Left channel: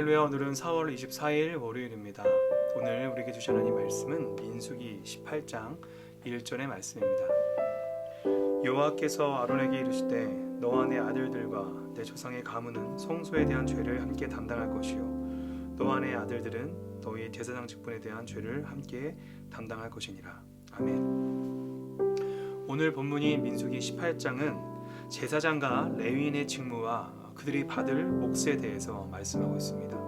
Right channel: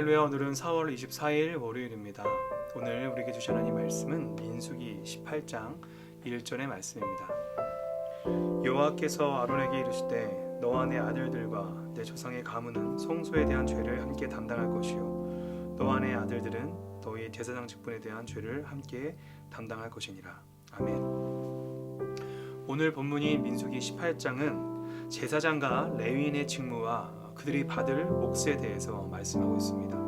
할렐루야. 오늘은 4월 24일 월요일입니다. 오늘 우리에게 주신 하나님 말씀은 민수기 18장 1절의 말씀입니다. 여호와께서 아론에게 이르시되 너와 내 아들들과 내 조상의 가문은 성소에 대한 죄를 함께 담당할 것이요 너와 내 아들들은 너희의 제사장 직분에 대한 죄를 함께 담당할 것이니라. 아멘. 오늘 본문인 민수기 18장은 제사장과 레위인의 직무와 그들이 받을 몫에 대해서 말씀하고 있습니다.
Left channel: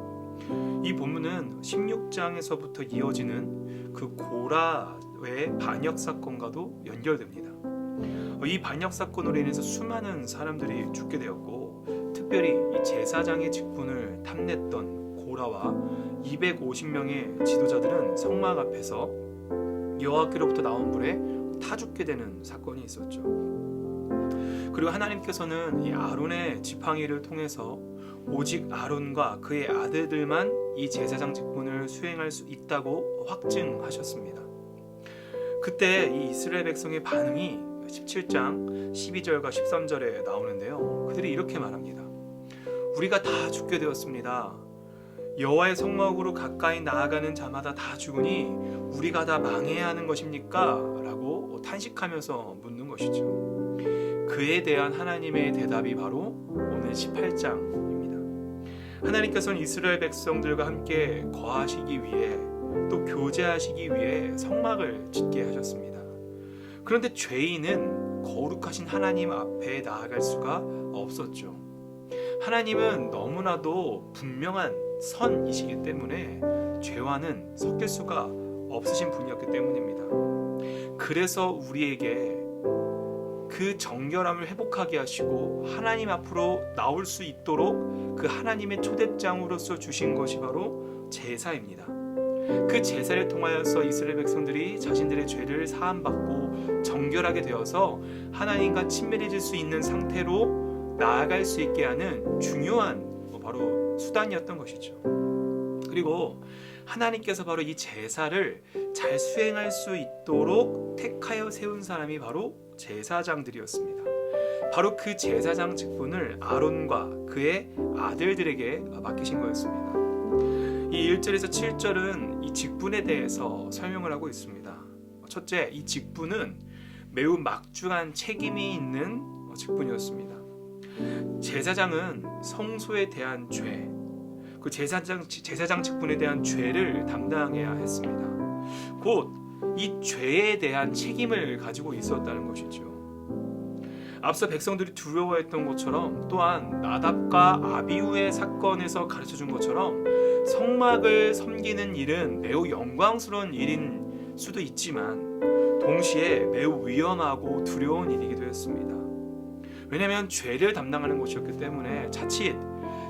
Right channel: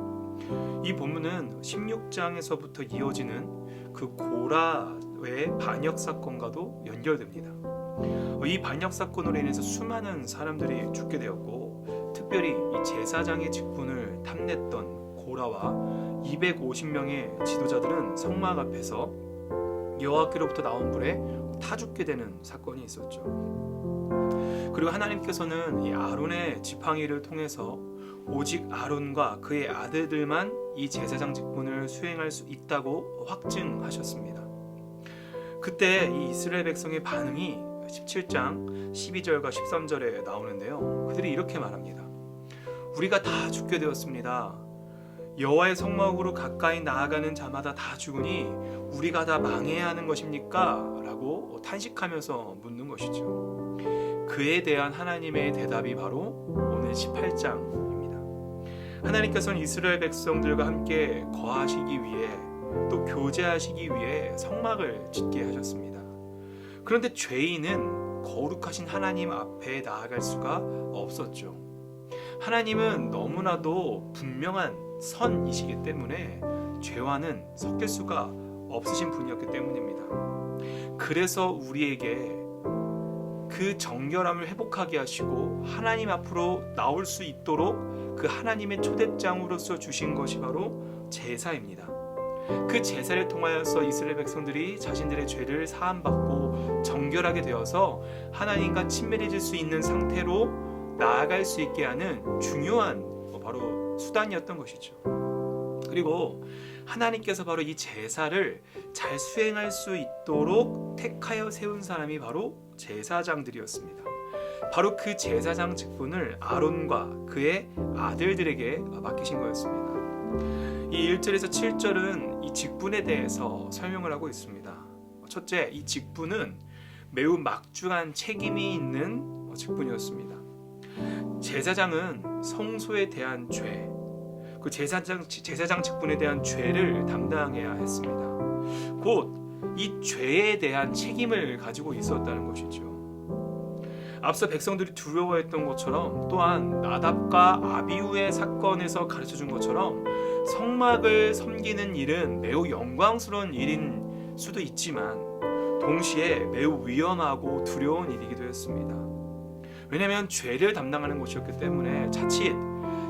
이 본문은 16장에서부터 이어지는 그 고라의 반역 사건과도 연결됩니다. 이 반역 사건으로 인해서 수많은 사람들이 죽게 되었고, 특별히 이 제사장의 직분을 탐냈던 고라와 250명의 지도자들은 성막 앞에서 여호와께로부터 나온 불에 타 죽게 되는 사건이 있었죠. 그리고 하나님께서는 이 아론의 지팡이를 통해서 오직 아론과 그의 아들들만 이 제사장 직분을 수행할 수 있다고 확증하셨습니다. 그때 이 이스라엘 백성의 반응이 17장 12절과 13절에 나오는데요. 그들이 이렇게 말합니다. 우리가 다 죽게 되었습니다. 여호와의 성막으로 가까이 나아가는 자마다 다 죽으니 우리가 다 망해야 하는 것입니까? 라고 탄식하면서 묻는 것이죠. 그에 대한 하나님의 대답이 바로 오늘 18장입니다. 하나님께서는 이스라엘 백성들과 함께 거하시기 위해 또 교제하시기 위해 성막을 짓게 하셨습니다. 그런데 죄인은 거룩하신 하나님 앞에 나아갈 수가 없었죠. 하나님은 너무나도 분명한 선이시기 때문에 죄와는 섞일 수가 없으신 분이었기 때문입니다. 그래서 우리에게 그 정결함을 회복하게 하시고 하나님 앞으로 나올 수 있도록 그 하나님의 초대장으로서 주신 것이 바로 제사입니다. 그 제사를 통하여서 이스라엘 백성들이 자신들의 죄를 사함받고 정결하게 되어서 하나님과 친밀해질 수 있는 상태로 나아갈 수 있게 하는 중요한 바로 수단이었던 것이죠. 그리고 하나님께서 바로 이 제사를 잘 수행할 수 있도록 택하여 세운 사람이 바로 제사장들이었습니다. 바로 그 제사장 직분을 아론과 그의 아들들에게 맡기신 거였습니다. 이 1절에서 7절은 이 직분에 대해서 설명을 하고 있습니다. 첫째, 이 직분은 매우 막중한 책임이 있는 직분이었습니다. 제사장은 성소에 대한 죄, 그 제사장 직분에 대한 죄를 담당해야 했습니다. 곧 이 죄에 대한 책임을 가지고 있었다는 것이죠. 앞서 백성들이 두려워했던 것처럼, 또한 나답과 아비후의 사건에서 가르쳐준 것처럼 성막을 섬기는 일은 매우 영광스러운 일인 수도 있지만 동시에 매우 위험하고 두려운 일이기도 했습니다. 왜냐하면 죄를 담당하는 것이었기 때문에 자칫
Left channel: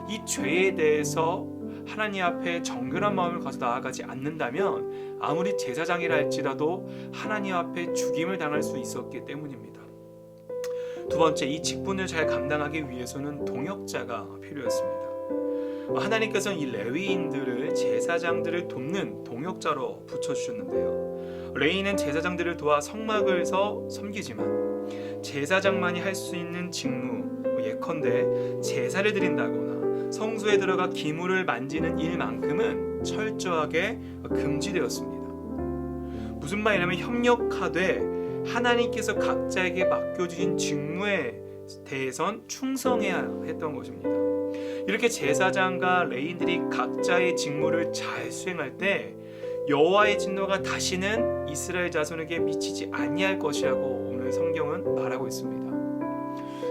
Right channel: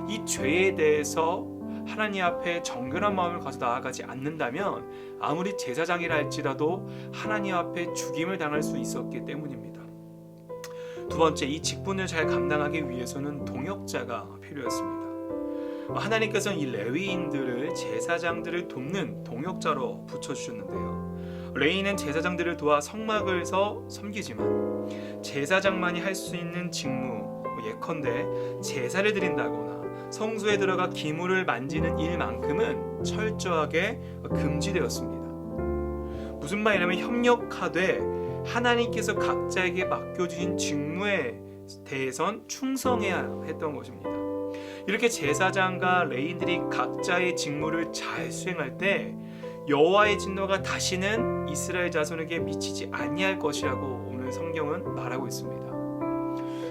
이 죄에 대해서 하나님 앞에 정결한 마음을 가져 나아가지 않는다면 아무리 제사장이라 할지라도 하나님 앞에 죽임을 당할 수 있었기 때문입니다. 두 번째, 이 직분을 잘 감당하기 위해서는 동역자가 필요했습니다. 하나님께서는 이 레위인들을 제사장들을 돕는 동역자로 붙여주셨는데요. 레위인은 제사장들을 도와 성막을 섬기지만 제사장만이 할 수 있는 직무, 예컨대 제사를 드린다거나 성소에 들어가 기물을 만지는 일만큼은 철저하게 금지되었습니다. 무슨 말이냐면 협력하되 하나님께서 각자에게 맡겨주신 직무에 대해선 충성해야 했던 것입니다. 이렇게 제사장과 레위인들이 각자의 직무를 잘 수행할 때 여호와의 진노가 다시는 이스라엘 자손에게 미치지 아니할 것이라고 오늘 성경은 말하고 있습니다.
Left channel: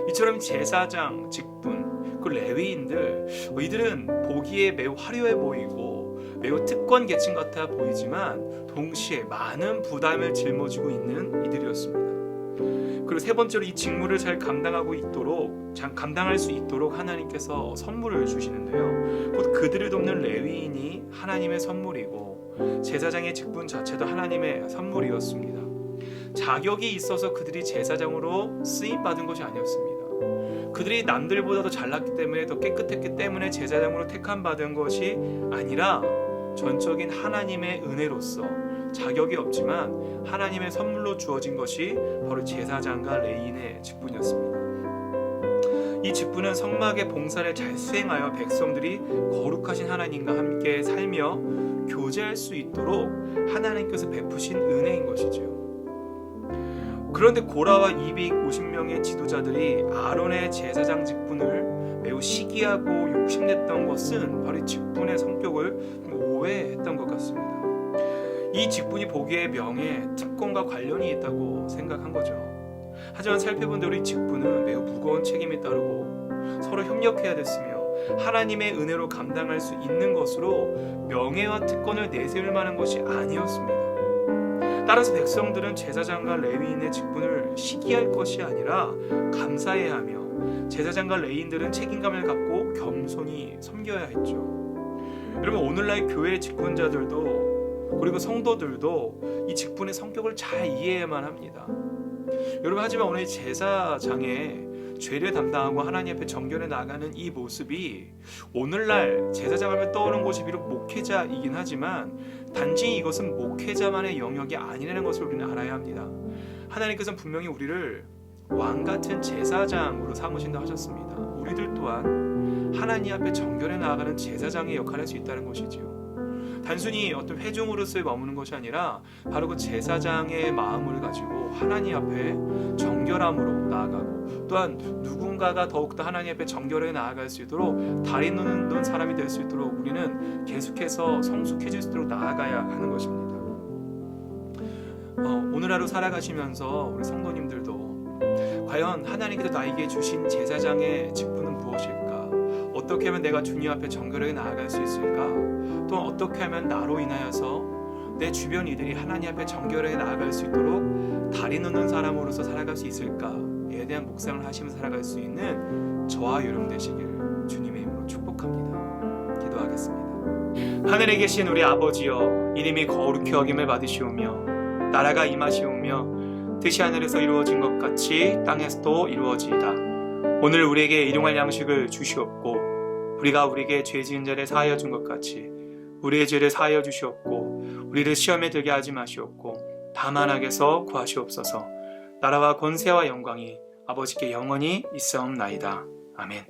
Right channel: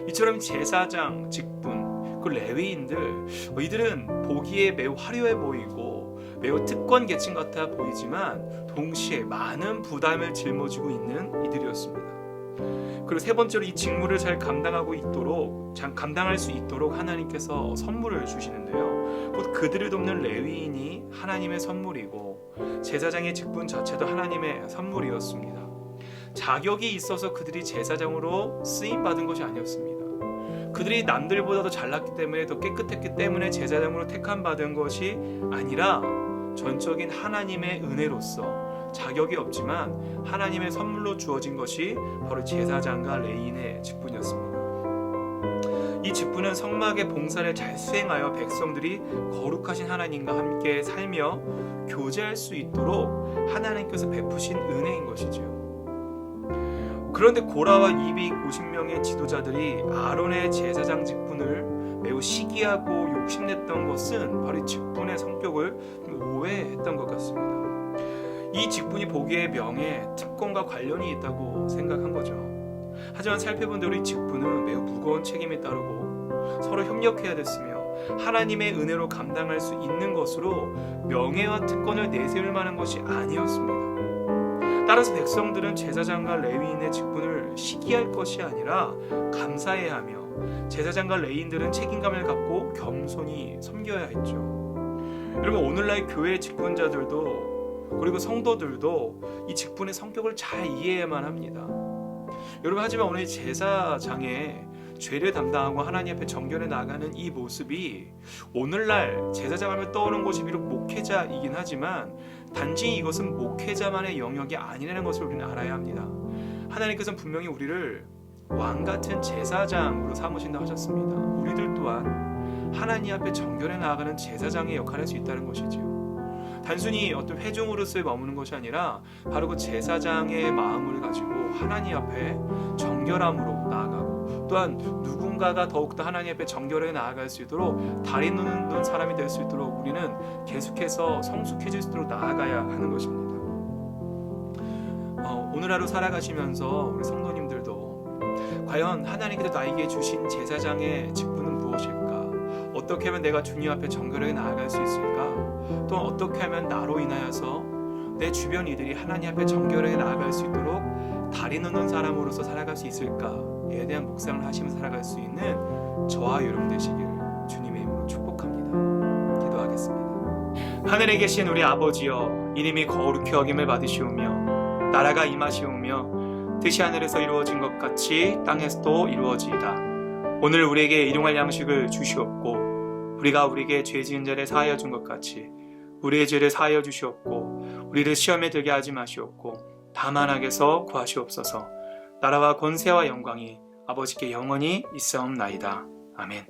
이처럼 제사장 직분, 그 레위인들, 이들은 보기에 매우 화려해 보이고 매우 특권 계층 같아 보이지만 동시에 많은 부담을 짊어지고 있는 이들이었습니다. 그리고 세 번째로 이 직무를 잘 감당할 수 있도록 하나님께서 선물을 주시는데요. 곧 그들을 돕는 레위인이 하나님의 선물이고 제사장의 직분 자체도 하나님의 선물이었습니다. 자격이 있어서 그들이 제사장으로 쓰임 받은 것이 아니었습니다. 그들이 남들보다도 잘났기 때문에 더 깨끗했기 때문에 제사장으로 택함 받은 것이 아니라 전적인 하나님의 은혜로서 자격이 없지만 하나님의 선물로 주어진 것이 바로 제사장과 레위인의 직분이었습니다. 이 직분은 성막의 봉사를 잘 수행하여 백성들이 거룩하신 하나님과 함께 살며 교제할 수 있도록 하나님께서 베푸신 은혜인 것이지요. 그런데 고라와 250명의 지도자들이 아론의 제사장 직분을 매우 시기하고 욕심냈던 것은 바로 이 직분의 성격을 오해했던 것 같습니다. 이 직분이 보기에 명예, 특권과 관련이 있다고 생각한 거죠. 하지만 살펴본 대로 이 직분은 매우 무거운 책임이 따르고 서로 협력해야 됐으며 하나님의 은혜로 감당할 수 있는 것으로 명예와 특권을 내세울 만한 것이 아니었습니다. 따라서 백성들은 제사장과 레위인의 직분을 시기할 것이 아니라 감사해야 하며 제사장과 레위인들은 책임감을 갖고 겸손히 섬겨야 했죠. 여러분, 오늘날 교회 직분자들도 그리고 성도들도 이 직분의 성격을 잘 이해해야만 합니다. 여러분, 하지만 오늘 제사장의 죄를 담당하고 하나님 앞에 정결해 나가는 이 모습이 오늘날 제사장 하면 떠오르는 것이 비록 목회자이긴 하지만 단지 이것은 목회자만의 영역이 아니라는 것을 우리는 알아야 합니다. 하나님께서는 분명히 우리를 왕같은 제사장으로 삼으신다 하셨습니다. 우리들 또한 하나님 앞에 정결해 나아가는 제사장의 역할을 할 수 있다는 것이지요. 단순히 어떤 회중으로서의 머무는 것이 아니라 바로 그 제사장의 마음을 가지고 하나님 앞에 정결함으로 나아가고 또한 누군가가 더욱더 하나님 앞에 정결하게 나아갈 수 있도록 다리 놓는 사람이 될 수 있도록 우리는 계속해서 성숙해질 수 있도록 나아가야 하는 것입니다. 오늘 하루 살아가시면서 우리 성도님들도 과연 하나님께서 나에게 주신 제사장의 직분은 무엇일까? 어떻게 하면 내가 주님 앞에 정결하게 나아갈 수 있을까? 또 어떻게 하면 나로 인하여서 내 주변 이들이 하나님 앞에 정결하게 나아갈 수 있도록 다리 놓는 사람으로서 살아갈 수 있을까에 대한 묵상을 하시면서 살아갈 수 있는 저와 여러분 되시길 주님의 이름으로 축복합니다. 기도하겠습니다. 하늘에 계신 우리 아버지여, 이름이 거룩히 여김을 받으시오며 나라가 임하시오며 뜻이 하늘에서 이루어진 것 같이 땅에서도 이루어지이다. 오늘 우리에게 일용할 양식을 주시옵고 우리가 우리에게 죄 지은 자를 사하여 준 것 같이 우리의 죄를 사하여 주시옵고 우리를 시험에 들게 하지 마시옵고 다만 악에서 구하시옵소서. 나라와 권세와 영광이 아버지께 영원히 있사옵나이다. 아멘.